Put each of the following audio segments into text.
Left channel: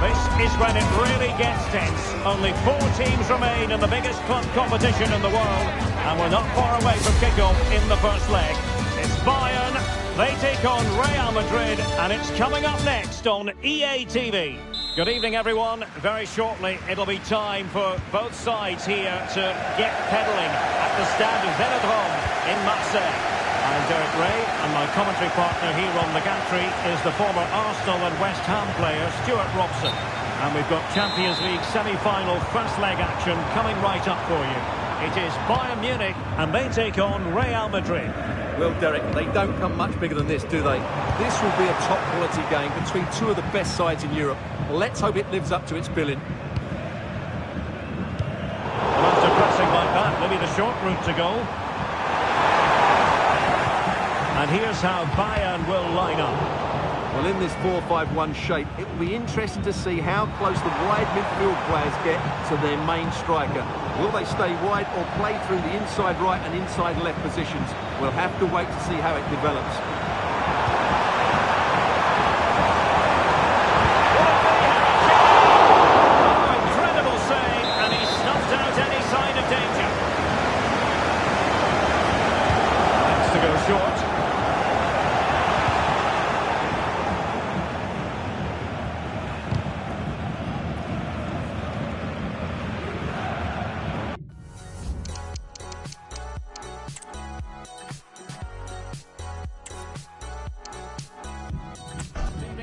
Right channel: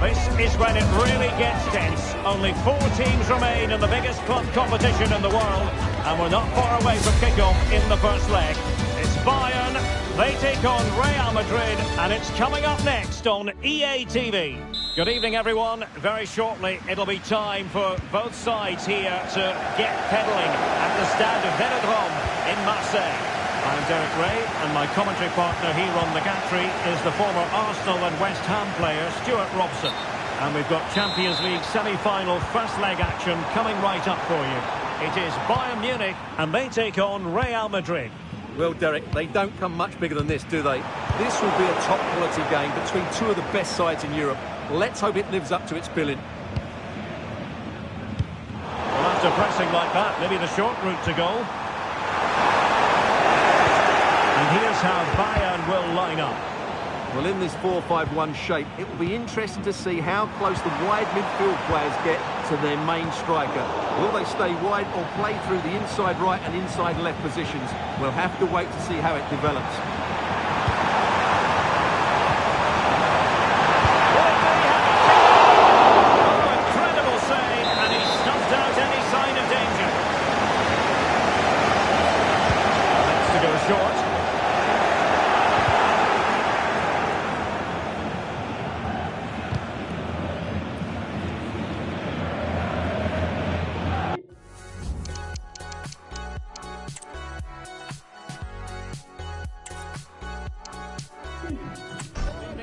This is when it really gets tense. Only 4 teams remain in the biggest club competition in the world, and we're not far away from kickoff in the first leg. It's Bayern, they take on Real Madrid, and it's coming up next on EA TV. Good evening, everyone. Very shortly, it'll be time for both sides here to get pedalling at the Stade Vélodrome in Marseille. I'm Derek Ray, and my commentary partner here on the gantry is the former Arsenal and West Ham player Stuart Robson. And we've got Champions League semi-final first leg action coming right up for you. It is Bayern Munich, and they take on Real Madrid. Well, Derek, they don't come much bigger than this, do they? This will be a top-quality game between two of the best sides in Europe. Let's hope it lives up to its billing. Well, after pressing like that, maybe the short route to goal. And here's how Bayern will line up. Well, in this 4-5-1 shape, it will be interesting to see how close the wide midfield players get to their main striker. Will they stay wide or play through the inside right and inside left positions? We'll have to wait to see how it develops. Oh, incredible save, and he snuffed out any sign of danger. Next to go short.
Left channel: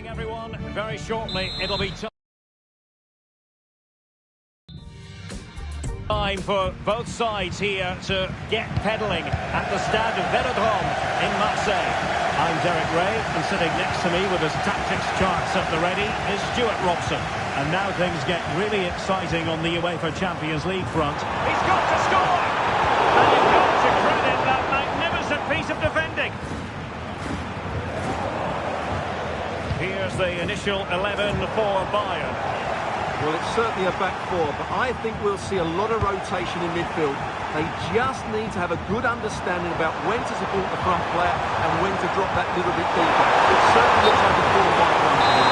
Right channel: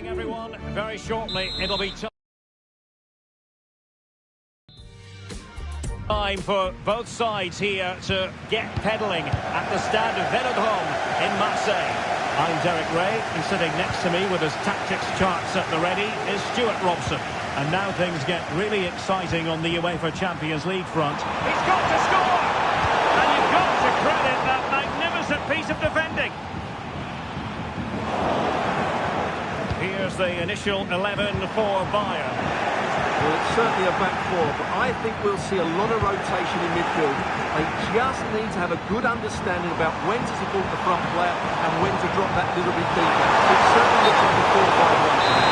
Everyone, very shortly it'll be time for both sides here to get pedalling at the Stade Vélodrome in Marseille. I'm Derek Ray, and sitting next to me with his tactics charts at the ready is Stuart Robson. And now things get really exciting on the UEFA Champions League front. He's got to score! And you've got to credit that magnificent piece of defending. Here's the initial 11 for Bayern. Well, it's certainly a back four, but I think we'll see a lot of rotation in midfield. They just need to have a good understanding about when to support the front player and when to drop that little bit deeper. It certainly looks like a 4-5-1 to me.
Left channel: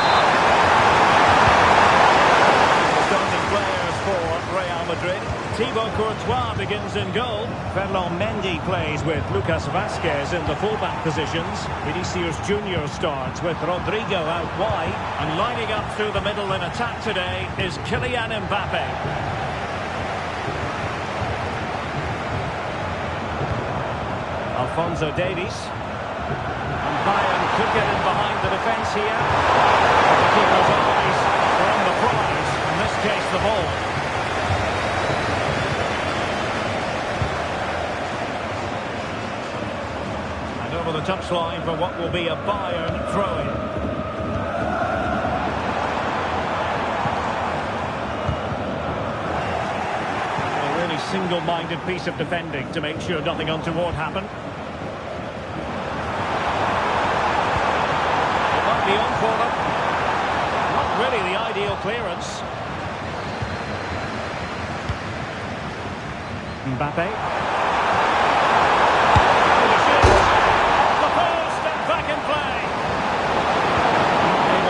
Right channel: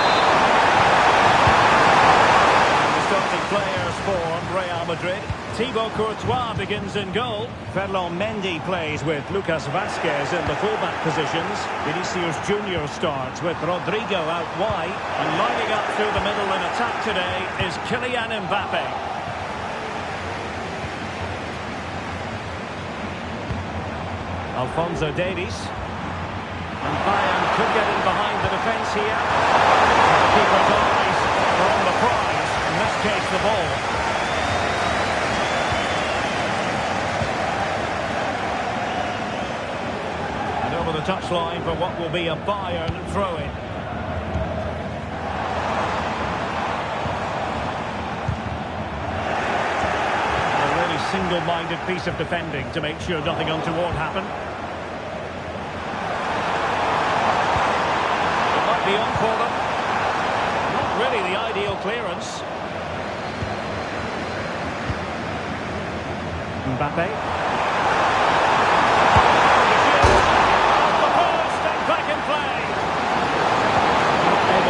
The starting players for Real Madrid. Thibaut Courtois begins in goal. Ferland Mendy plays with Lucas Vazquez in the fullback positions. Vinicius Junior starts with Rodrigo out wide. And lining up through the middle in attack today is Kylian Mbappe. Alphonso Davies. And Bayern could get in behind the defence here. But the keeper's eyes are on the prize, in this case the ball. Over the touchline for what will be a Bayern throw-in. A really single-minded piece of defending to make sure nothing untoward happened. It might be on for them. Not really the ideal clearance. Mbappe.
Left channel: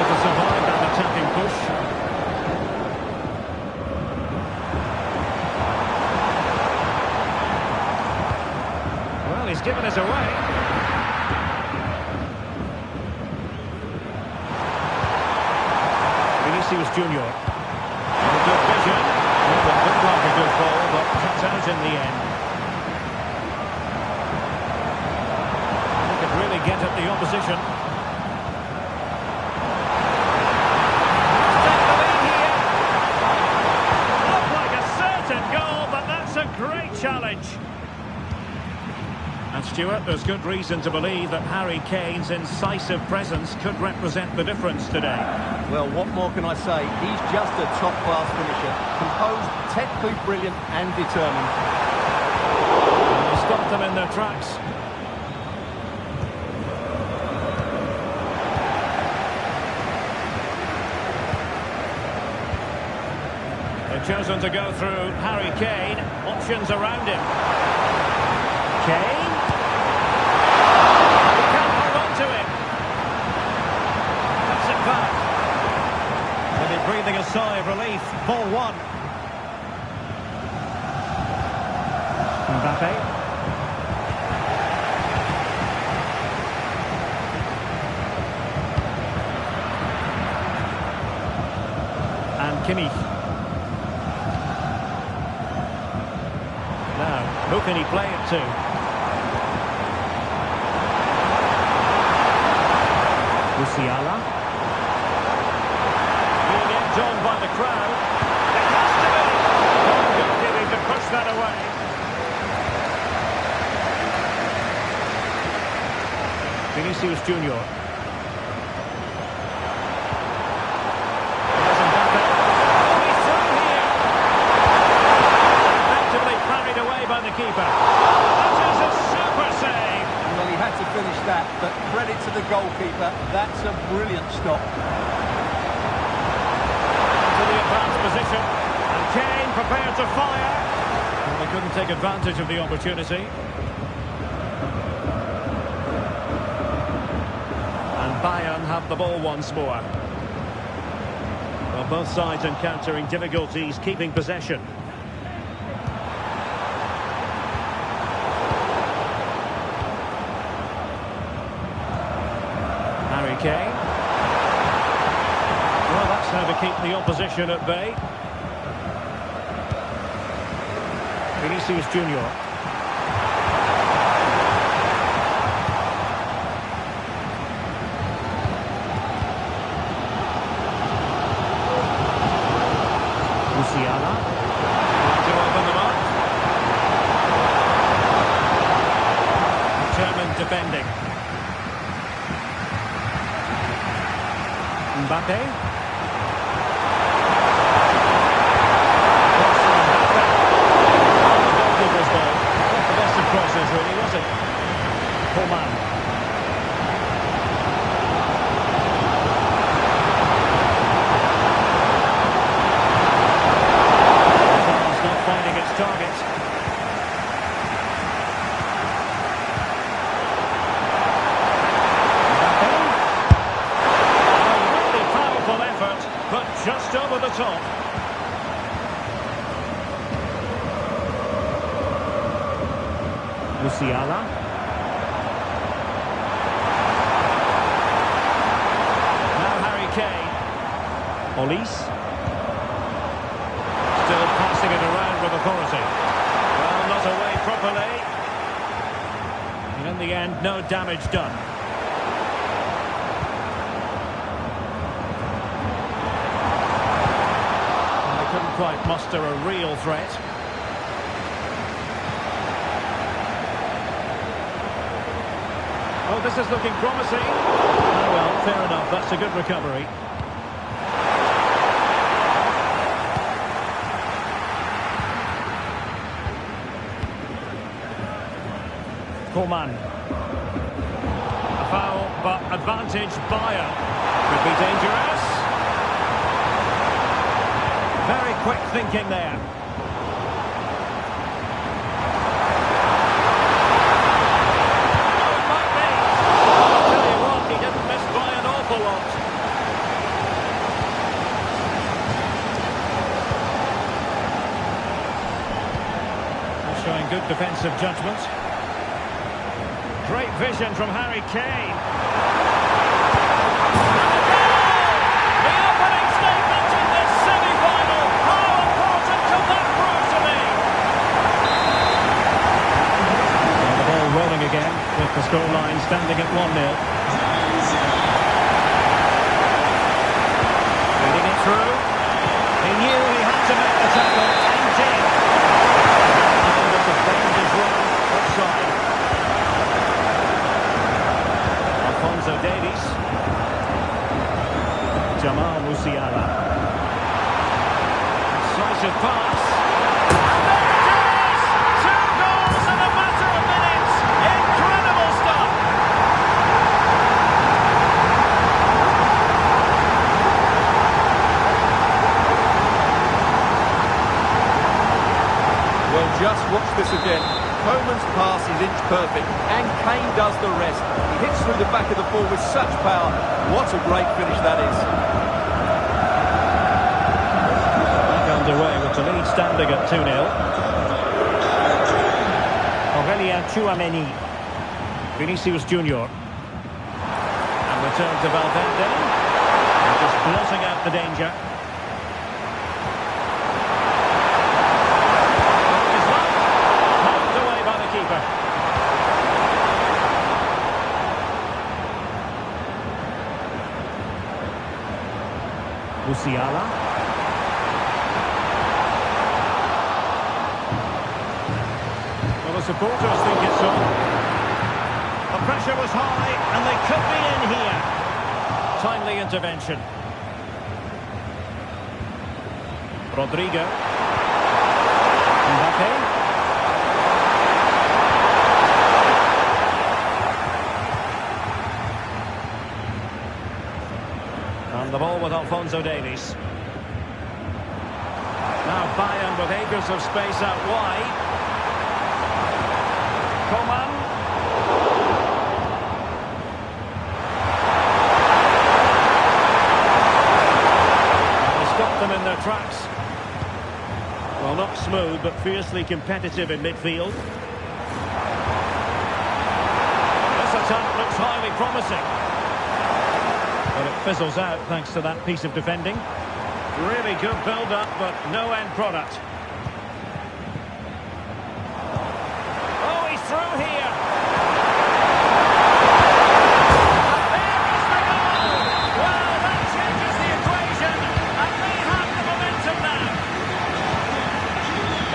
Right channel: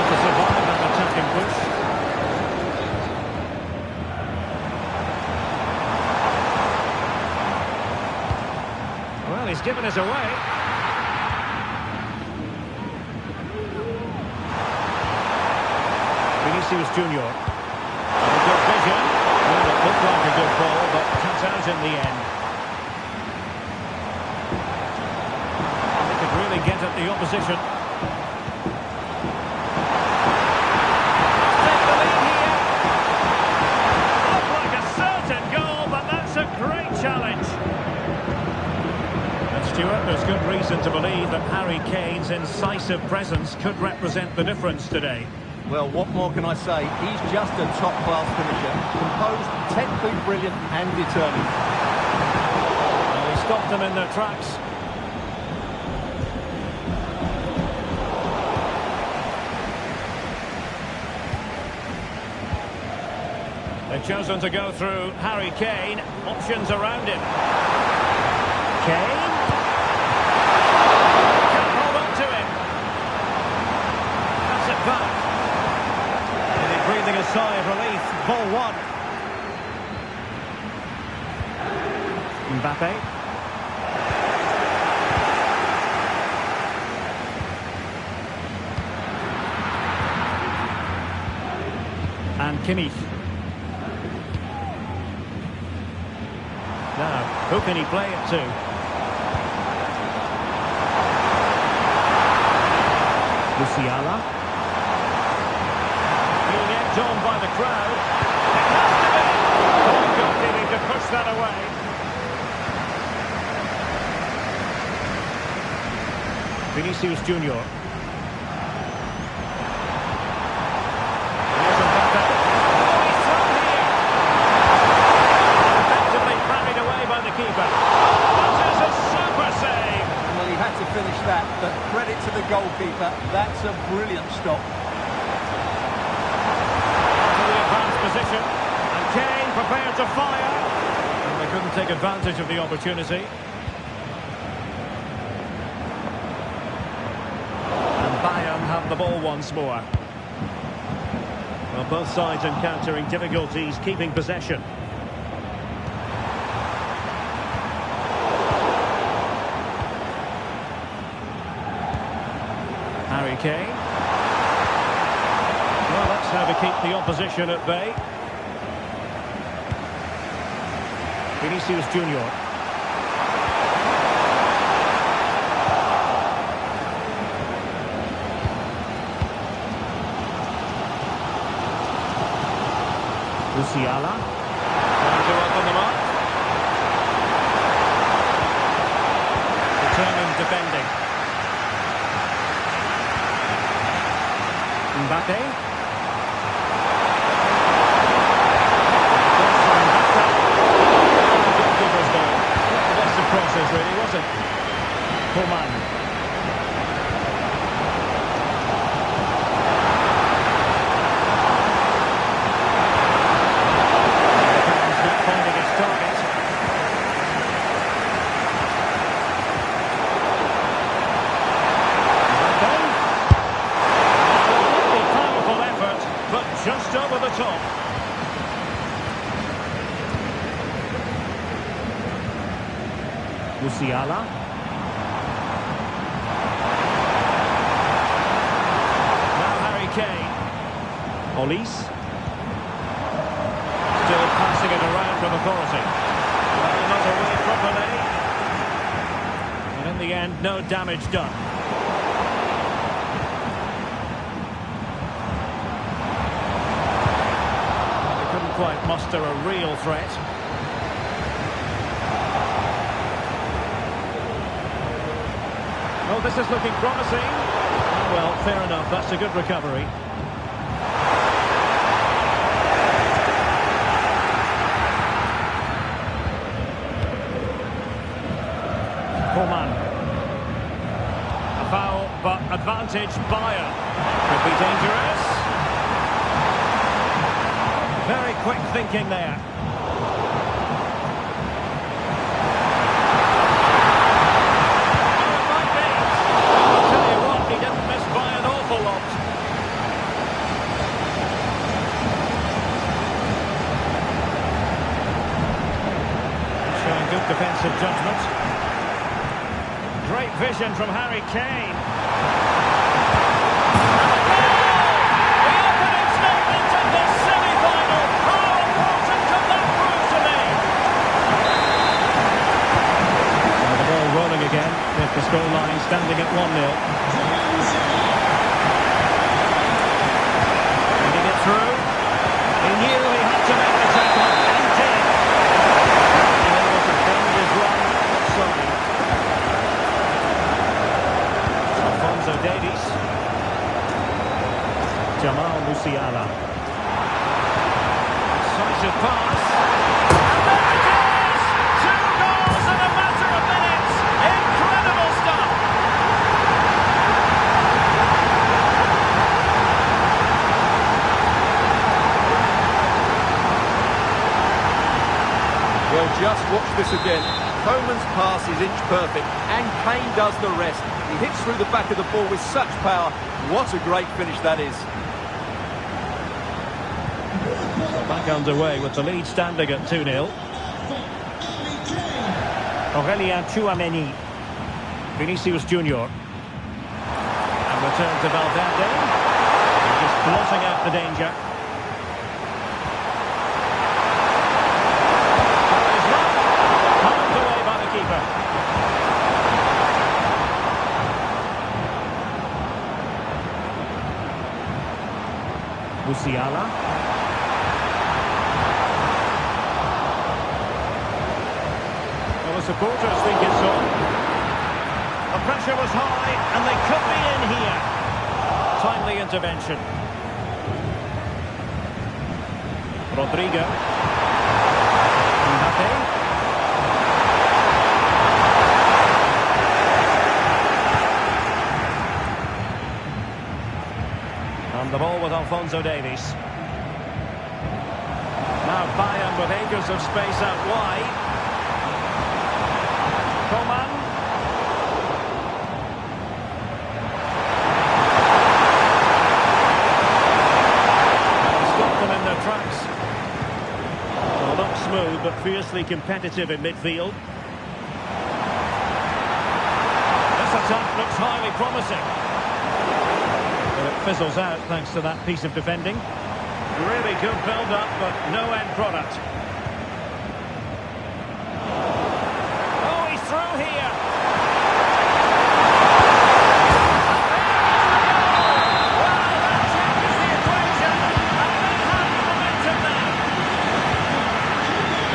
To survive that attacking push. Well, he's given us away. Vinicius Junior. Oh, good vision. Well, it looked like a good ball, but cut out in the end. And they could really get at the opposition. Great challenge. And Stuart, there's good reason to believe that Harry Kane's incisive presence could represent the difference today. Well, what more can I say? He's just a top-class finisher. Composed, technically brilliant and determined. Well, he stopped them in their tracks. They've chosen to go through Harry Kane. Options around him. Kane? He can't hold on to it. Cuts it back. And it breathing a sigh of relief. Ball one. Mbappe. And Kimmich. Now, who can he play it to? Musiala. Being egged on by the crowd. It has to be. Fine goalkeeping to push that away. Vinicius Junior. Here's Mbappe. Oh, he's through here. Effectively parried away by the keeper. Oh, that is a super save. Well, he had to finish that, but credit to the goalkeeper. That's a brilliant stop. To the advanced position. And Kane prepared to fire. Well, they couldn't take advantage of the opportunity. And Bayern have the ball once more. Well, both sides encountering difficulties keeping possession. Harry Kane. Well, that's how to keep the opposition at bay. Vinicius Junior. Musiala. Trying to open them up. Determined defending. Mbappe. Goalkeeper's ball. Not the best of crosses, really, was it? Coman. Not finding its target. Mbappe. A really powerful effort, but just over the top. Musiala. Now Harry Kane. Olise. Still passing it around with authority. Well, not away properly. And in the end, no damage done. Well, they couldn't quite muster a real threat. Oh, this is looking promising. Oh, well, fair enough. That's a good recovery. Coman. A foul, but advantage Bayern. Could be dangerous. Very quick thinking there. Oh, it might be. I'll tell you what, he didn't miss by an awful lot. He's showing good defensive judgment. Great vision from Harry Kane. And a goal! The opening statement of this semi-final. How important could that prove to me? Well, the ball rolling again with the scoreline standing at 1-0. Feeding it through. He knew he had to make the tackle and did. Unable to bend his run offside. Alphonso Davies. Jamal Musiala. Decisive pass. And there it is! 2 goals in a matter of minutes. Incredible stuff. Well, just watch this again. Coman's pass is inch perfect, and Kane does the rest. He hits through the back of the ball with such power. What a great finish that is. underway with the lead standing at 2-0. Aurelien Tchouameni. Vinicius Junior. And return to Valverde. And just blotting out the danger. Well, his luck. Palmed away by the keeper. Musiala. Well, the supporters think it's on. The pressure was high, and they could be in here. Timely intervention. Rodrigo. Mbappe. And the ball with Alphonso Davies. Now Bayern with acres of space out wide. Coman. And he stopped them in their tracks. Well, not smooth, but fiercely competitive in midfield. This attack looks highly promising. But it fizzles out thanks to that piece of defending. Really good build-up, but no end product. Oh, he's through here. And there is the goal. Well, that changes the equation. And they have the momentum now.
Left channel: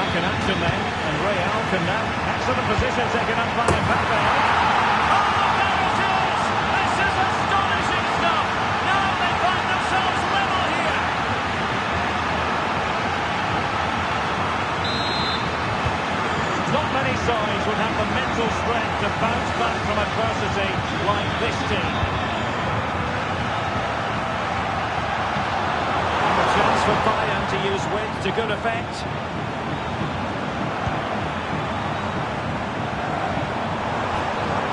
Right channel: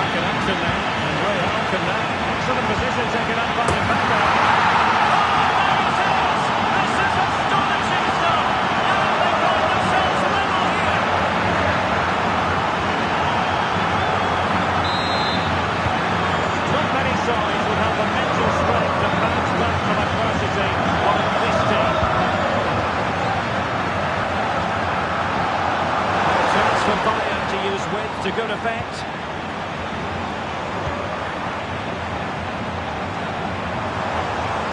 Back in action then. And Real can now. Excellent position taken up by Mbappe. Oh, there it is. This is astonishing stuff. Now they find themselves level here. Not many sides would have the mental strength to bounce back from adversity like this team. And a chance for Bayern to use width to good effect.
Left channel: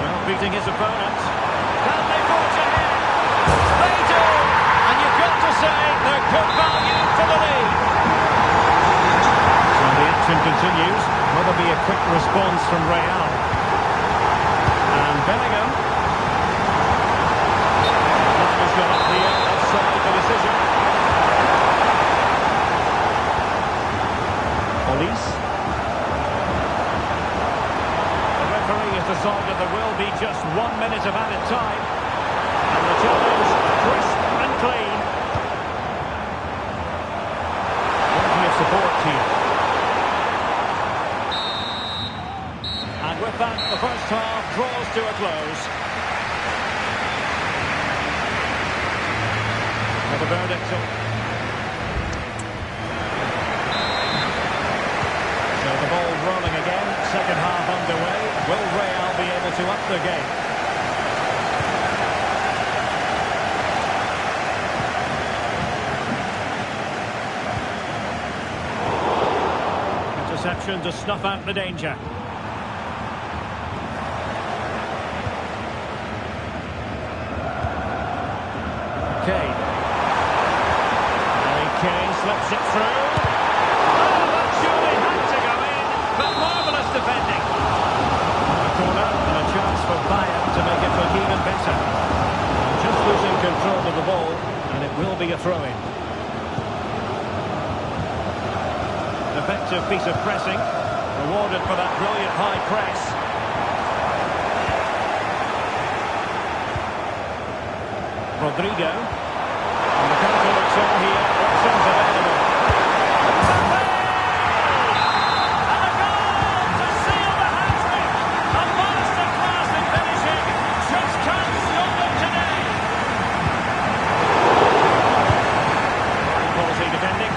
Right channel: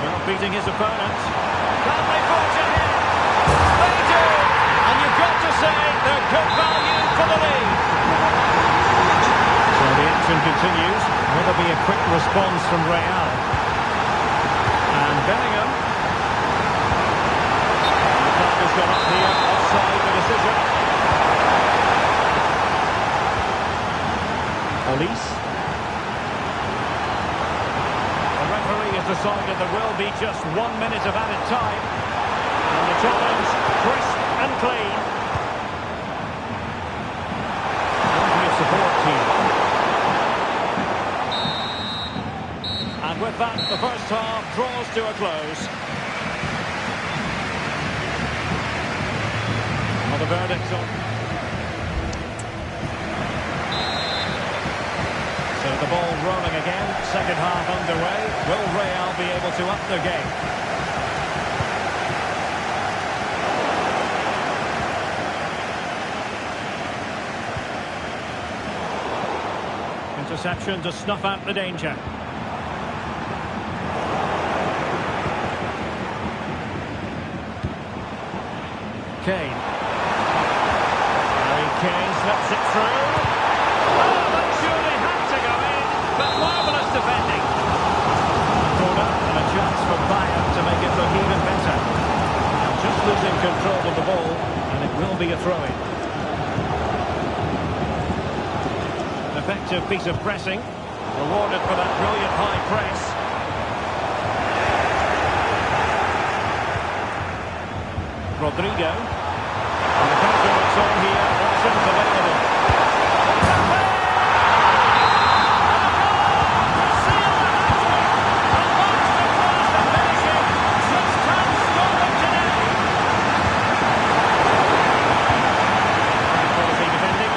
Well, beating his opponent. Can they forge ahead? They do! And you've got to say they're good value for the lead. So the action continues. Will there be a quick response from Real? And Bellingham. The flag has gone up here, offside the decision. Olise. The referee has decided there will be just 1 minute of added time. And the challenge, crisp and clean. Plenty of support here. And with that, the first half draws to a close. Well, the verdict on. So the ball rolling again, second half underway. Will Real be able to up the game? Interception to snuff out the danger. Kane. Harry Kane slips it through. Oh, that surely had to go in, but marvellous defending. A corner and a chance for Bayern to make it look even better. And just losing control of the ball, and it will be a throw-in. An effective piece of pressing, rewarded for that brilliant high press. Rodrigo. And the counter looks on here. Options available. Mbappe! And a goal to seal the hat-trick. A masterclass in finishing. Just can't stop them today. High quality defending.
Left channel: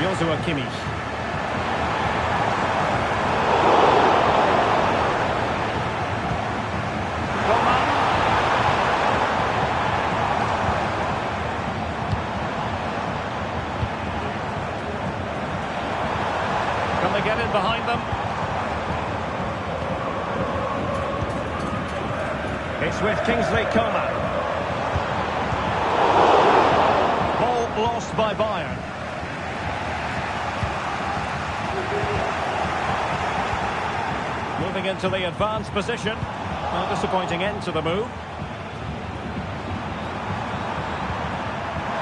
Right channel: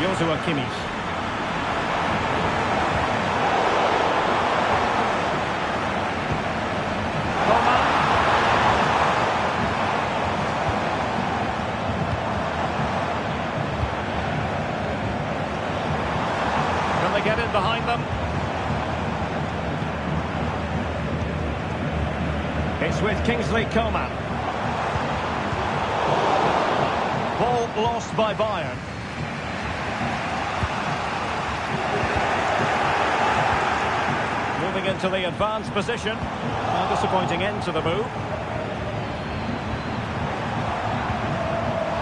Joshua Kimmich. Coman. Can they get in behind them? It's with Kingsley Coman. Ball lost by Bayern. Moving into the advanced position. A disappointing end to the move.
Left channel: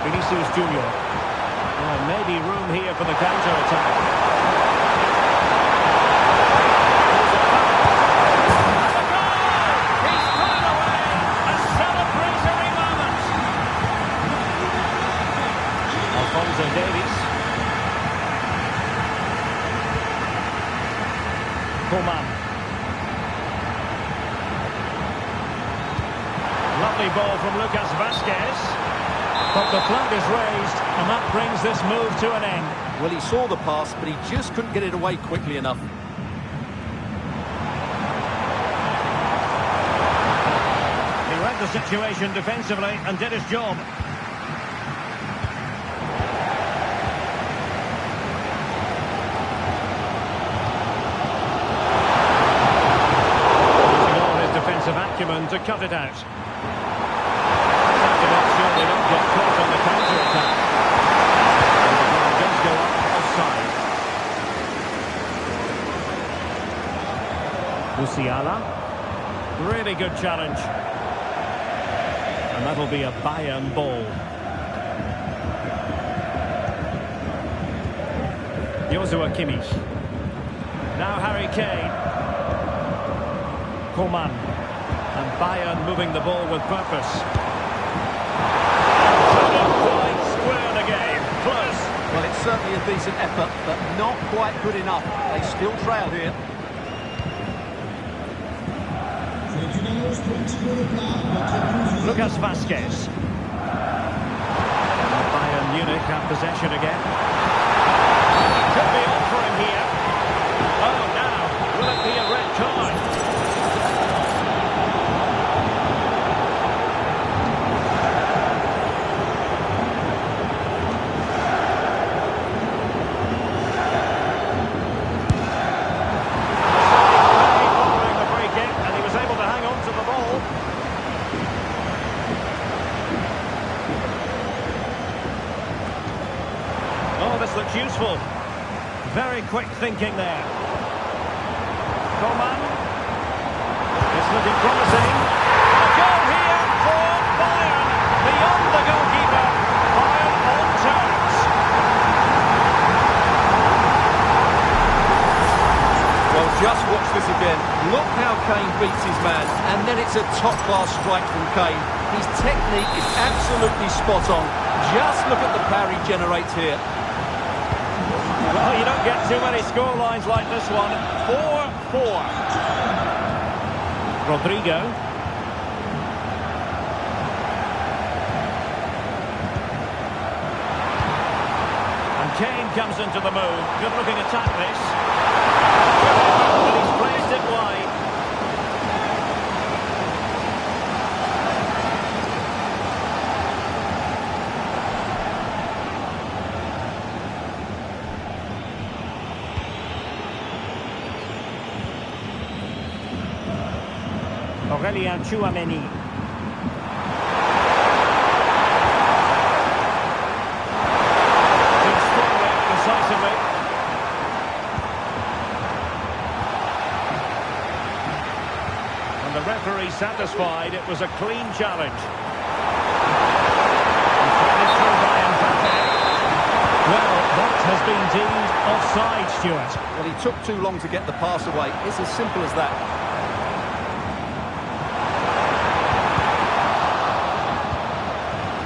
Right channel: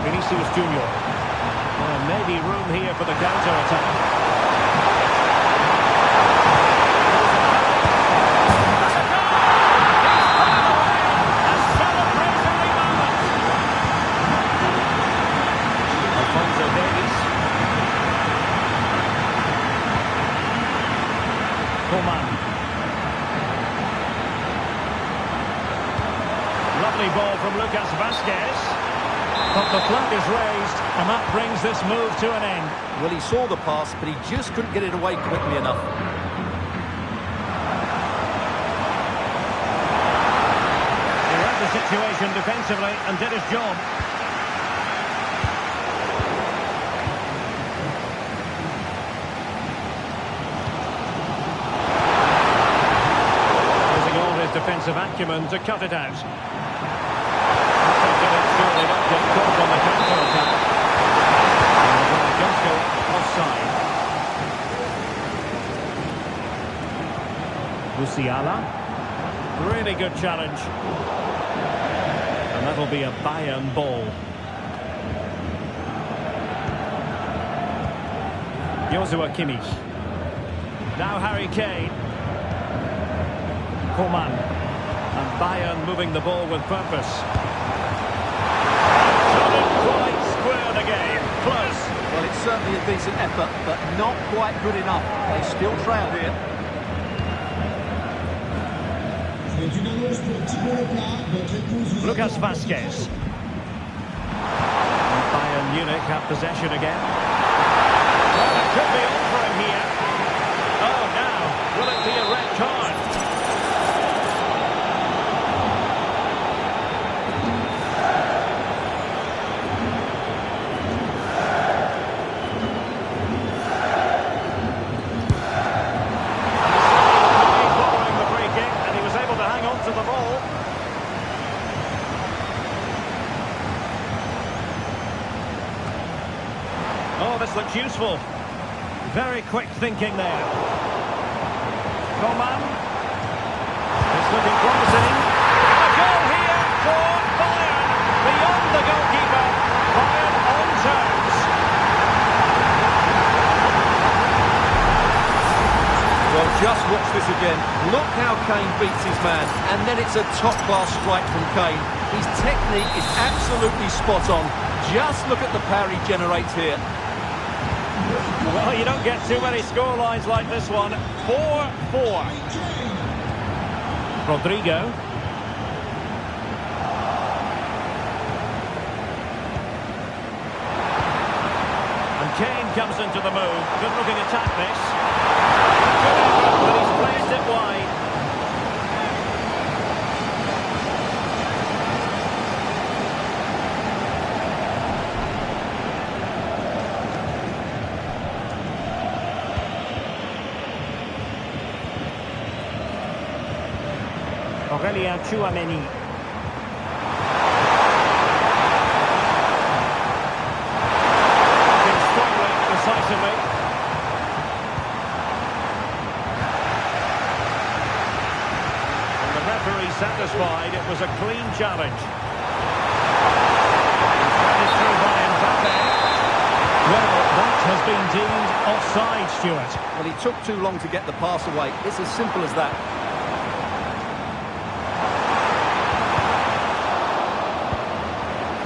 Vinicius Junior. Maybe room here for the counter-attack. Davies. Coman. Lovely ball from Lucas Vazquez. But the flag is raised, and that brings this move to an end. Well, he saw the pass, but he just couldn't get it away quickly enough. He read the situation defensively and did his job. Defensive acumen to cut it out. Just have to make sure they don't get caught on the counter-attack. And the flag does go up offside. Musiala. Really good challenge. And that'll be a Bayern ball. Joshua Kimmich. Now Harry Kane. Coman. And Bayern moving the ball with purpose. Couldn't quite square the game. Close. Well, it's certainly a decent effort, but not quite good enough. They still trail here. Lucas Vazquez. And Bayern Munich have possession again. Well, it could be on for him here. Oh, now, will it be a red card? To the ball. Oh, this looks useful. Very quick thinking there. Coman. It's looking promising. A goal here for Bayern. Beyond the goalkeeper. Bayern on terms. Well, just watch this again. Look how Kane beats his man, and then it's a top-class strike from Kane. His technique is absolutely spot on. Just look at the power he generates here. Well, you don't get too many scorelines like this one. 4-4. Rodrigo. And Kane comes into the move. Good-looking attack, this. Good effort, but he's placed it wide. Aurelien Tchouameni. Strongly, decisively. The referee satisfied it was a clean challenge. Threaded through by Mbappe. Well, that has been deemed offside, Stuart. Well, he took too long to get the pass away. It's as simple as that.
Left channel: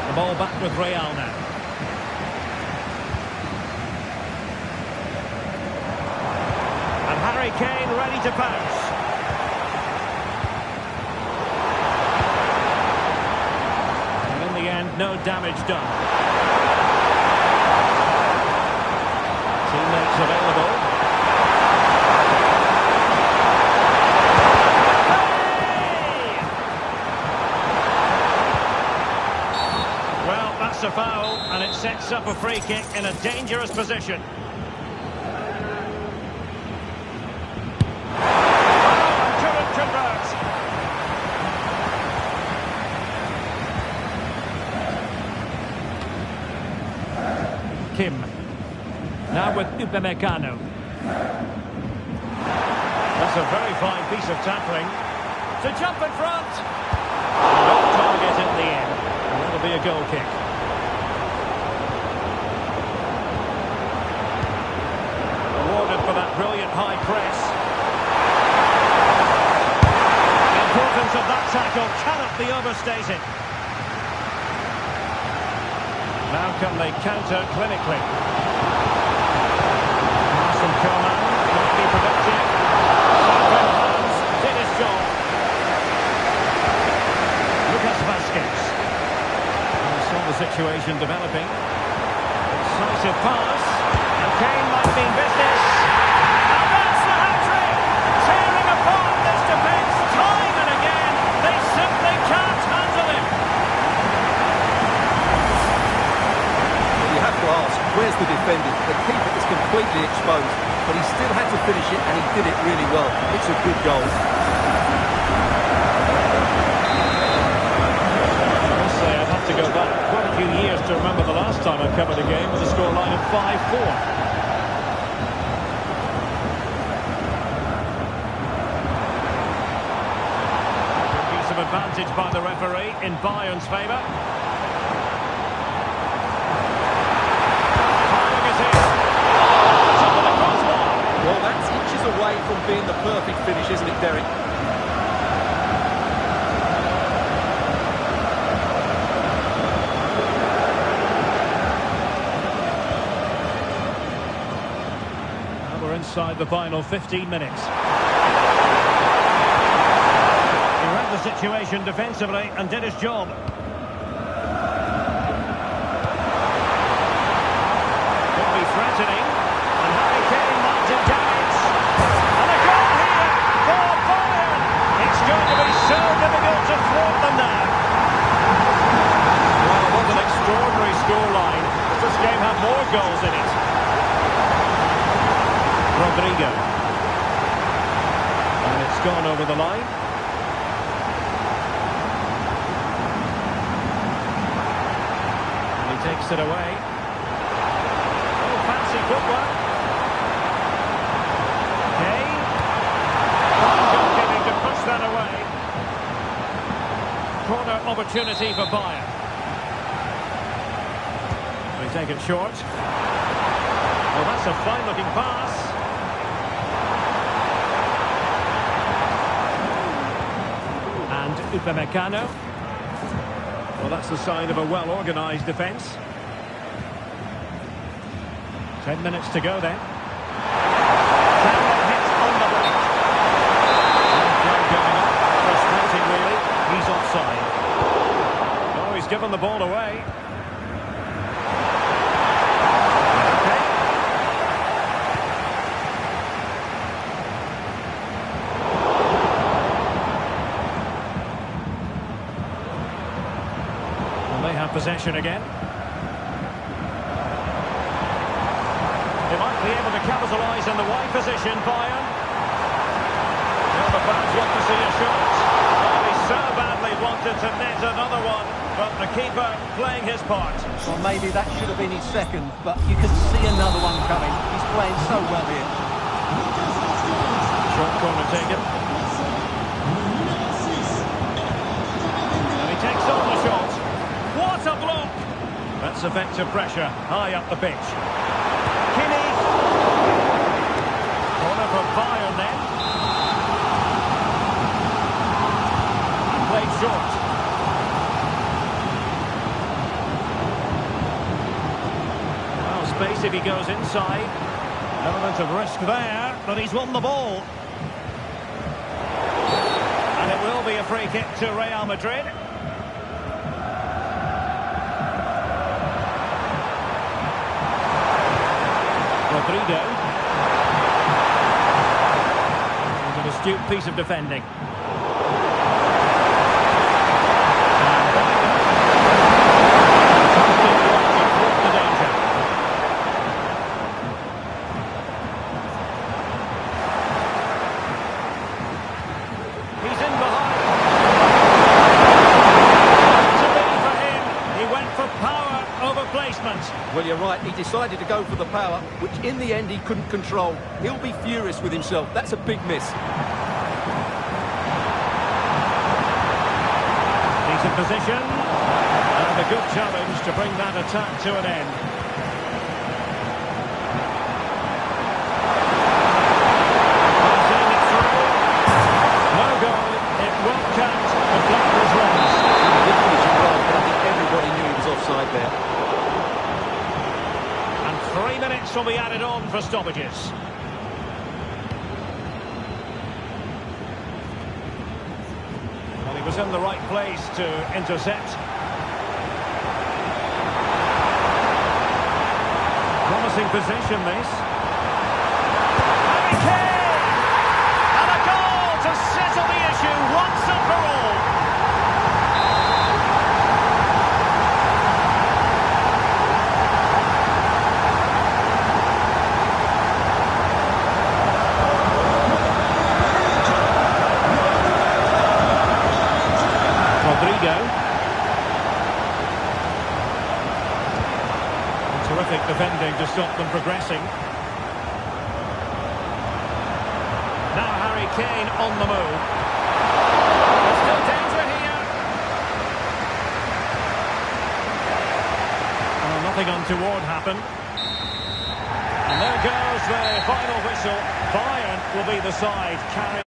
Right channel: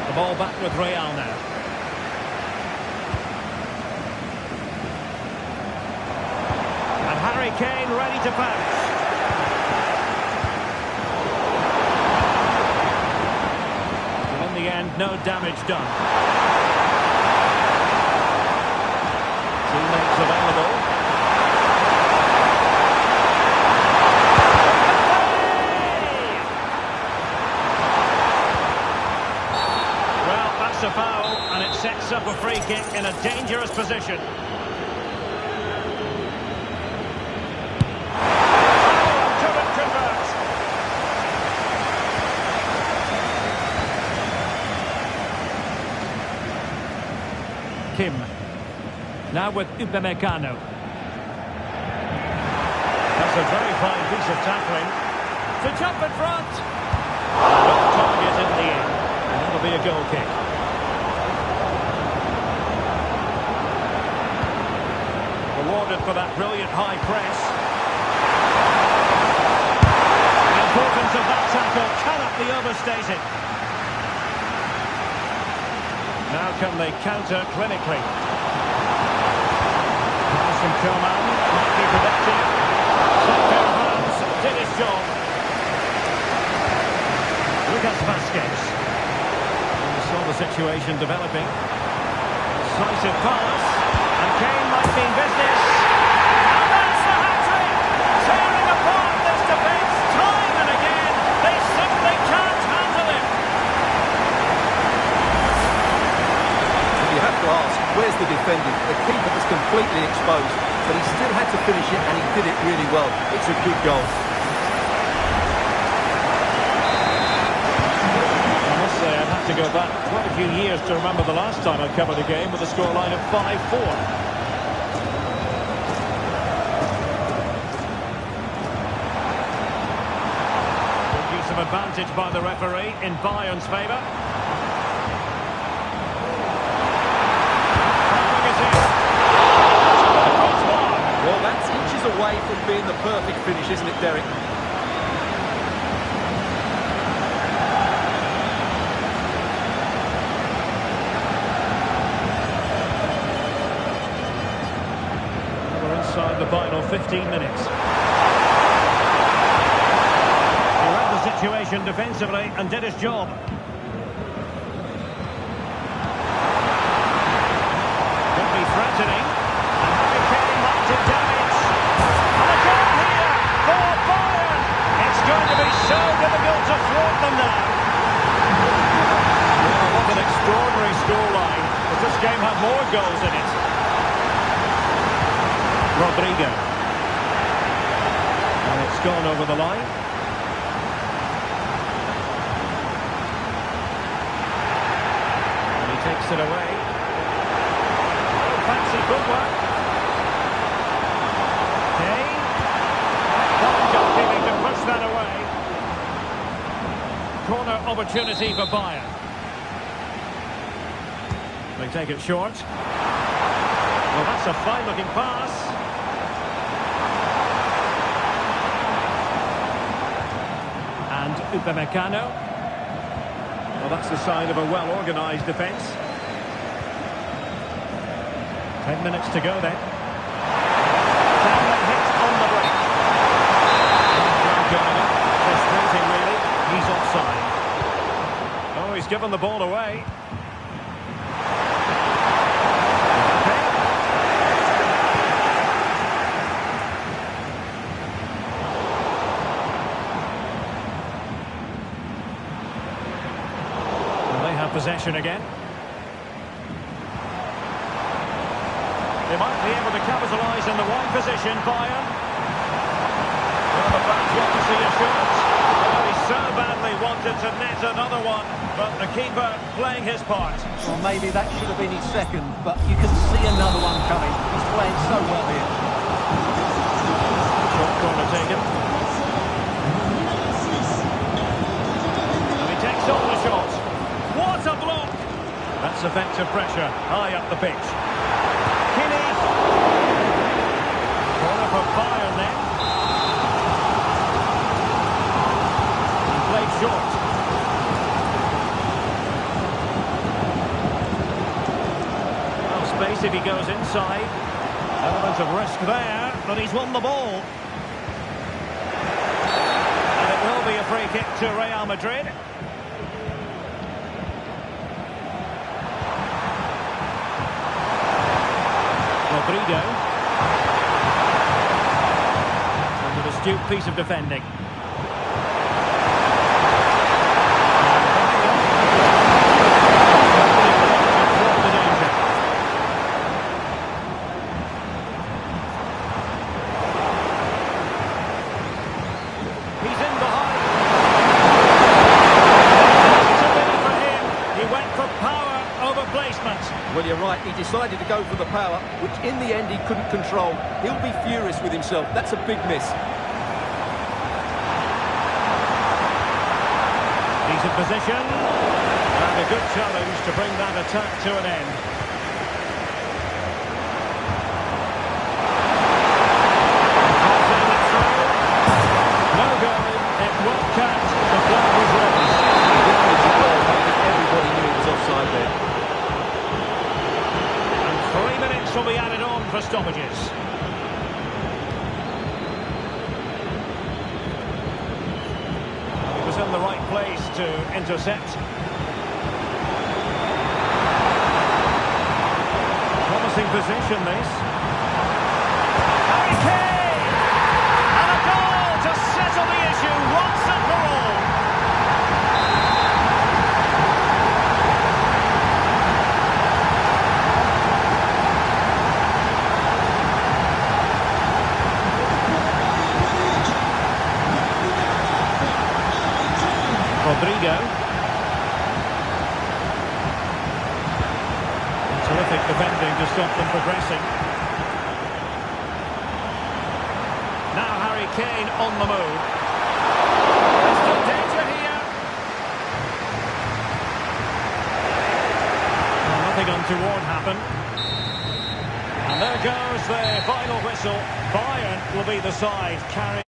The ball back with Real now. And Harry Kane ready to pounce. In the end, no damage done. Teammates available. Well, that's a foul, and it sets up a free kick in a dangerous position. Oh, and couldn't convert. Kim. Now with Upamecano. That's a very fine piece of tackling. To jump in front. And off target in the end. And that'll be a goal kick. Rewarded for that brilliant high press. The importance of that tackle cannot be overstated. Now can they counter clinically? Pass from Coman might be productive. Set pair of hands, did his job. Lucas Vazquez. We saw the situation developing. Decisive pass. And Kane might mean business. And that's the hat-trick! Tearing apart this defence time and again. They simply can't handle him. You have to ask, where's the defending? The keeper is completely exposed, but he still had to finish it, and he did it really well. It's a good goal. I must say, I'd have to go back quite a few years to remember the last time I covered a game with a scoreline of 5-4. Good use of advantage by the referee in Bayern's favour. Well, that's inches away from being the perfect finish, isn't it, Derek? Now we're inside the final 15 minutes. He read the situation defensively and did his job. Could be threatening. And Harry Kane might do damage. And a goal here for Bayern. It's going to be so difficult to thwart them now. Well, what an extraordinary scoreline. Does this game have more goals in it? Rodrigo. And it's gone over the line. And he takes it away. Oh, fancy footwork. Kane. Fine goalkeeping to push that away. Corner opportunity for Bayern. They take it short. Well, that's a fine-looking pass. And Upamecano. Well, that's the sign of a well-organised defence. 10 minutes to go then. Can they hit on the break? Going up. Frustrating, really. He's offside. Oh, he's given the ball away. Okay. And they have possession again. They might be able to capitalise in the wide position, Bayern. Well, the fans want to see a shot. Well, he so badly wanted to net another one, but the keeper playing his part. Well, maybe that should have been his second, but you can see another one coming. He's playing so well here. Short corner taken. And he takes on the shot. What a block! That's effective pressure, high up the pitch. Kimmich. Corner for Bayern then. And played short. Well, space if he goes inside. Element of risk there, but he's won the ball. And it will be a free kick to Real Madrid. Rodrigo. And an astute piece of defending. And Bayern. Fantastic work to thwart the danger. He's in behind. To be for him. He went for power over play. replacement. Well, you're right. He decided to go for the power, which in the end he couldn't control. He'll be furious with himself. That's a big miss. Decent position. And a good challenge to bring that attack to an end. Passing it through. No goal. It won't count. The flag was raised. He did finish it well, but I think everybody knew he was offside there. And 3 minutes will be added on for stoppages. Well, he was in the right place to intercept. Promising position, this. Harry Kane! And a goal to settle the issue once and for all. Rodrigo. And terrific defending to stop them progressing. Now Harry Kane on the move. There's still danger here. Well, nothing untoward happened. And there goes the final whistle. Bayern will be the side carrying.